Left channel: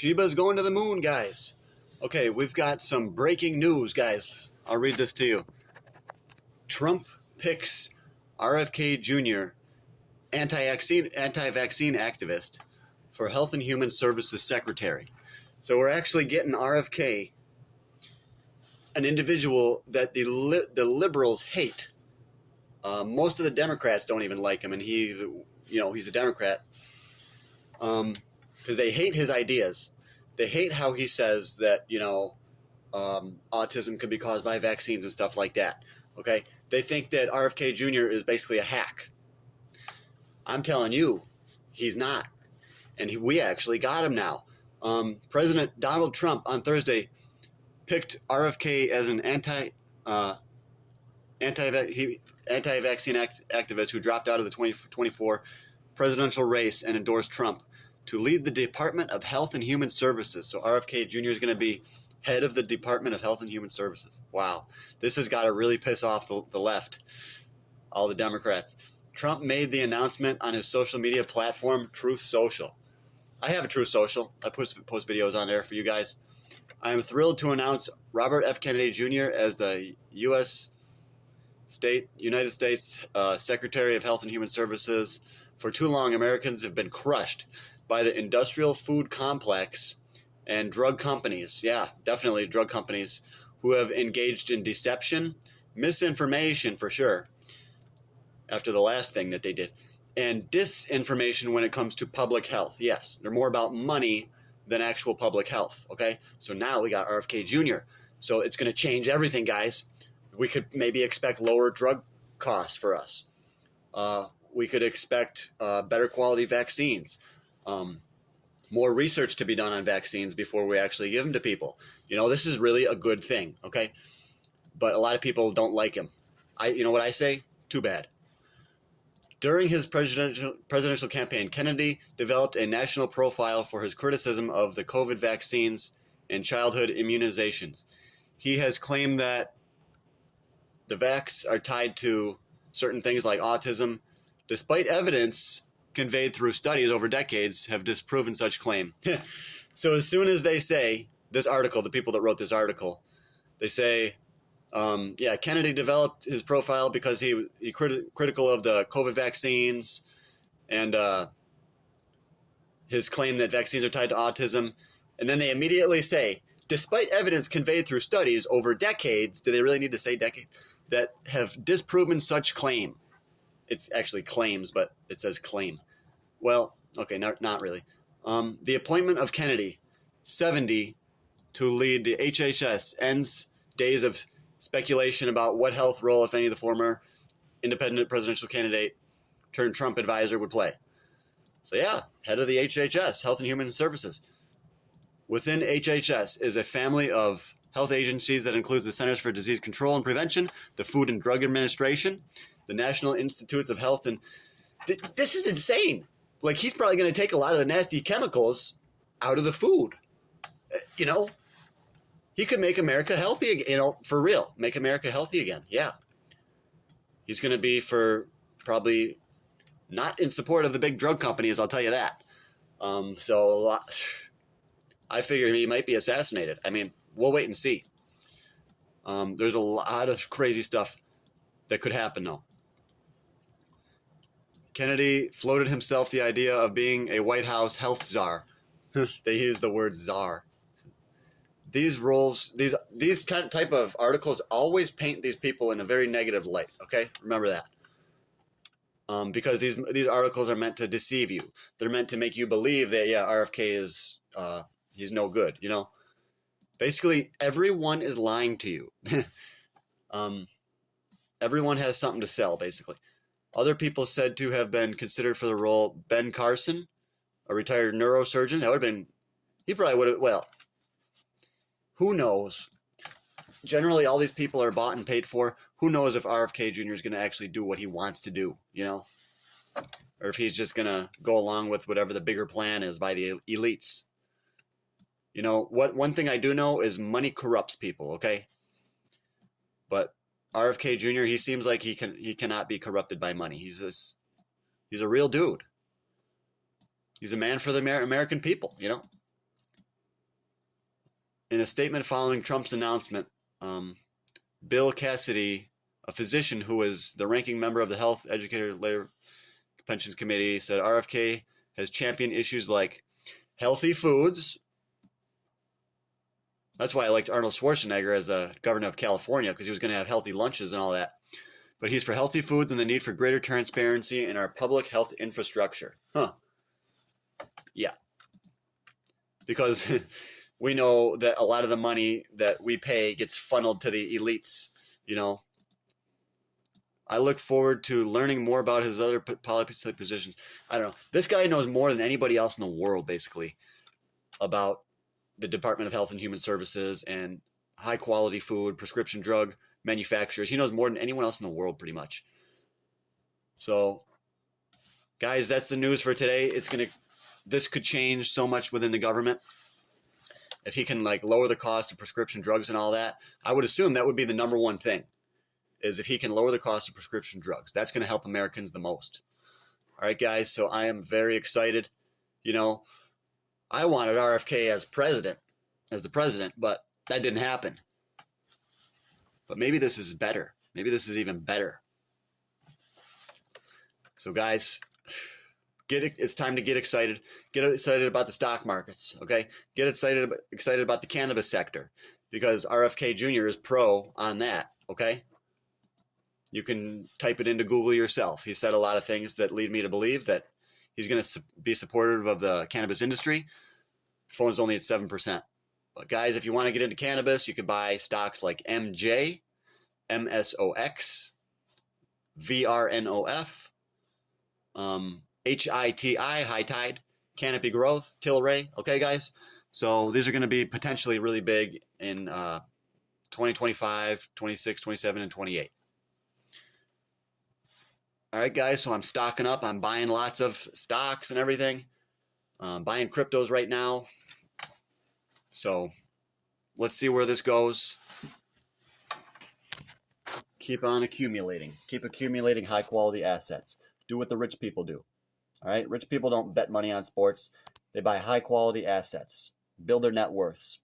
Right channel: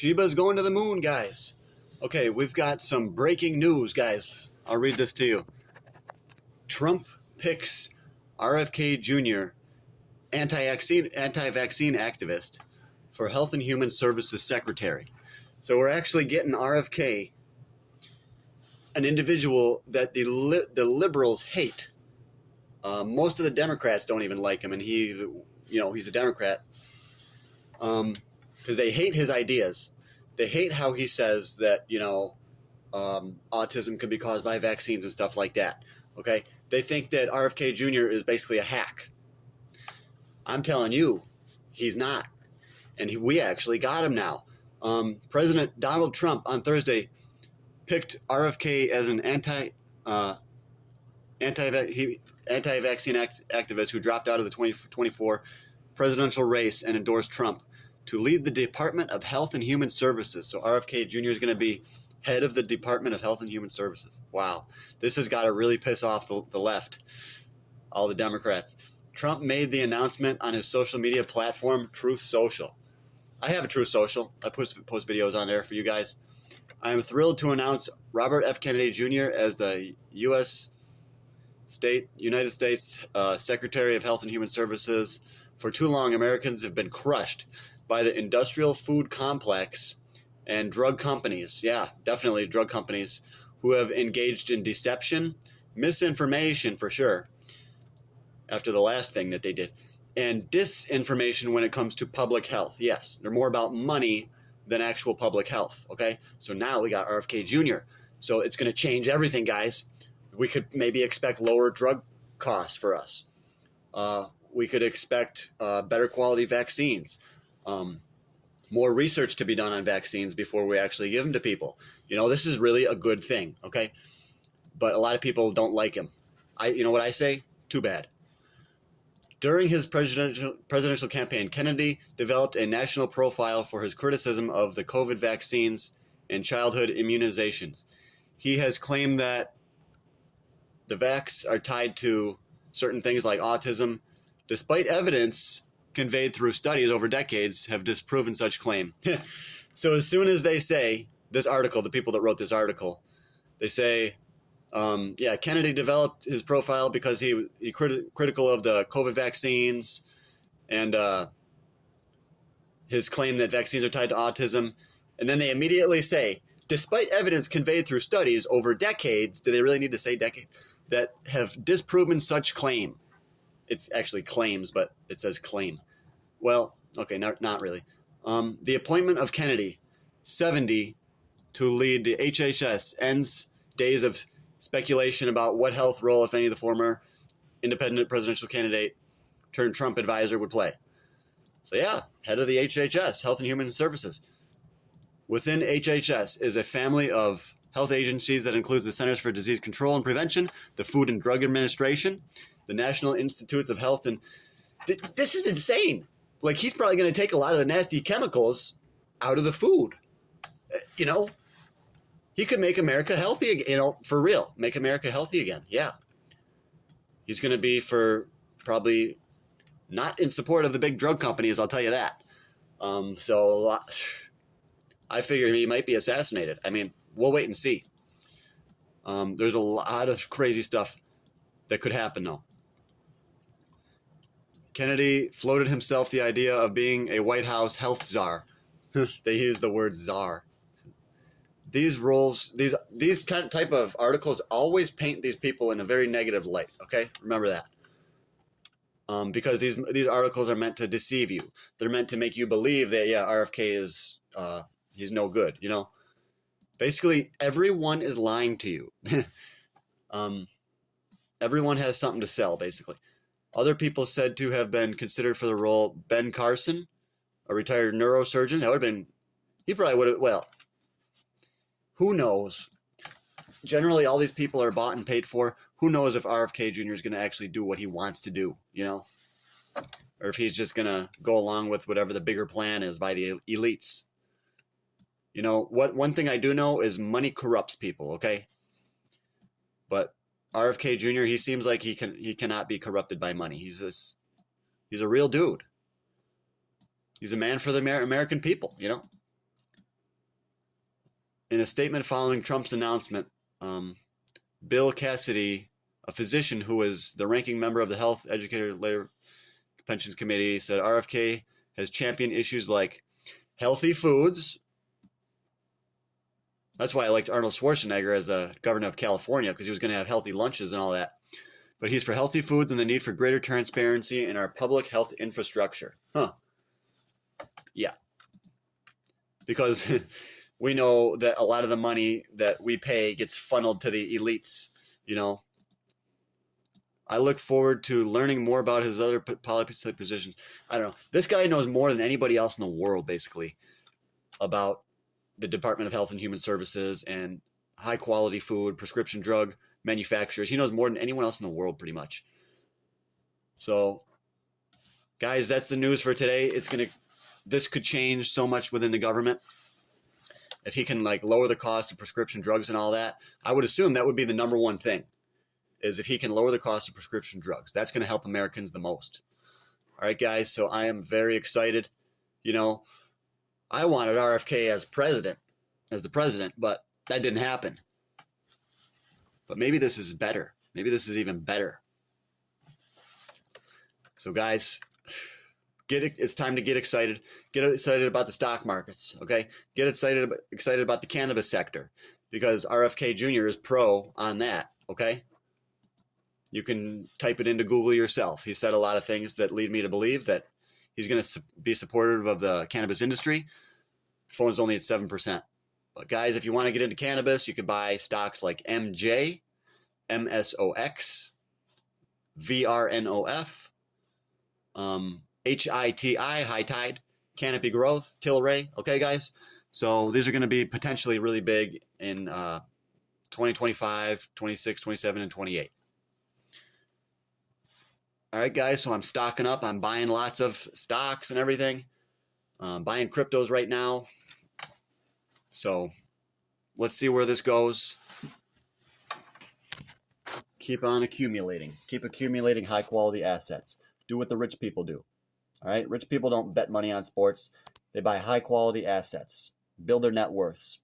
Sheba's going to the moon, guys. Okay, we've got some breaking news, guys. I'll read this to you. Trump picks RFK Jr., anti-vaccine activist, for Health and Human Services Secretary. So we're actually getting RFK, an individual that the liberals hate. Most of the Democrats don't even like him, and he's a Democrat. Because they hate his ideas. They hate how he says that, autism could be caused by vaccines and stuff like that. Okay? They think that RFK Jr. is basically a hack. I'm telling you, he's not. And we actually got him now. President Donald Trump on Thursday picked RFK as an anti-vaccine activist who dropped out of the 2024 presidential race and endorsed Trump to lead the Department of Health and Human Services. So RFK Jr. is going to be head of the Department of Health and Human Services. Wow. This has got to really piss off the left, all the Democrats. Trump made the announcement on his social media platform, Truth Social. I have a Truth Social. I post videos on there for you guys. I am thrilled to announce Robert F. Kennedy Jr. as the United States Secretary of Health and Human Services. For too long, Americans have been crushed by the industrial food complex and drug companies. Yeah, definitely drug companies who have engaged in deception, misinformation for sure, after the last thing that they did, and disinformation when it comes to public health. Yes, they're more about money than actual public health, okay? So now we got RFK Jr. So it's going to change everything, guys. We could maybe expect lower drug costs for us. We could expect better quality vaccines. More research to be done on vaccines before we actually give them to people. This is really a good thing, okay? But a lot of people don't like him. You know what I say? Too bad. During his presidential campaign, Kennedy developed a national profile for his criticism of the COVID vaccines and childhood immunizations. He has claimed that the vax are tied to certain things like autism, despite evidence conveyed through studies over decades have disproven such claim. So as soon as they say, this article, the people that wrote this article, they say, Kennedy developed his profile because he critical of the COVID vaccines and his claim that vaccines are tied to autism. And then they immediately say, despite evidence conveyed through studies over decades, do they really need to say decades, that have disproven such claim? It's actually claims, but it says claim. Well, okay, not really. The appointment of Kennedy, 70, to lead the HHS ends days of speculation about what health role, if any, the former independent presidential candidate turned Trump advisor would play. So yeah, head of the HHS, Health and Human Services. Within HHS is a family of health agencies that includes the Centers for Disease Control and Prevention, the Food and Drug Administration, the National Institutes of Health, and this is insane. Like, he's probably going to take a lot of the nasty chemicals out of the food. He could make America healthy again, for real. Make America healthy again, yeah. He's going to be probably not in support of the big drug companies, I'll tell you that. I figured he might be assassinated. I mean, we'll wait and see. There's a lot of crazy stuff that could happen, though. Kennedy floated himself the idea of being a White House health czar. They use the word czar. These type of articles always paint these people in a very negative light. Okay, remember that. Because these articles are meant to deceive you. They're meant to make you believe that RFK is he's no good. Basically everyone is lying to you. Everyone has something to sell, basically. Other people said to have been considered for the role: Ben Carson, a retired neurosurgeon. That would have been, he probably would have, well, who knows? Generally, all these people are bought and paid for. Who knows if RFK Jr. is going to actually do what he wants to do, Or if he's just going to go along with whatever the bigger plan is by the elites. One thing I do know is money corrupts people, okay? But RFK Jr., he seems like he cannot be corrupted by money. He's a real dude. He's a man for the American people, In a statement following Trump's announcement, Bill Cassidy, a physician who was the ranking member of the Health, Educator, Labor, Pensions Committee, said RFK has championed issues like healthy foods. That's why I liked Arnold Schwarzenegger as a governor of California, because he was going to have healthy lunches and all that. But he's for healthy foods and the need for greater transparency in our public health infrastructure. Yeah. Because we know that a lot of the money that we pay gets funneled to the elites, you know. I look forward to learning more about his other policy positions. I don't know. This guy knows more than anybody else in the world, basically, about the Department of Health and Human Services and high-quality food, prescription drug manufacturers. He knows more than anyone else in the world, pretty much. So, guys, that's the news for today. This could change so much within the government. If he can, like, lower the cost of prescription drugs and all that, I would assume that would be the number one thing, is if he can lower the cost of prescription drugs. That's going to help Americans the most. All right, guys, so I am very excited. You know, I wanted RFK as the president, but that didn't happen. But maybe this is better. Maybe this is even better. So, guys, it's time to get excited. Get excited about the stock markets, okay? Get excited about the cannabis sector, because RFK Jr. is pro on that, okay? You can type it into Google yourself. He said a lot of things that lead me to believe that he's going to be supportive of the cannabis industry. Phone's only at 7%. But guys, if you want to get into cannabis, you can buy stocks like MJ, MSOX, VRNOF, HITI, High Tide, Canopy Growth, Tilray. Okay, guys? So these are going to be potentially really big in 2025, 26, 27, and 28. All right, guys, so I'm stocking up. I'm buying lots of stocks and everything. Buying cryptos right now. So let's see where this goes. Keep on accumulating. Keep accumulating high-quality assets. Do what the rich people do. All right? Rich people don't bet money on sports. They buy high-quality assets. Build their net worths.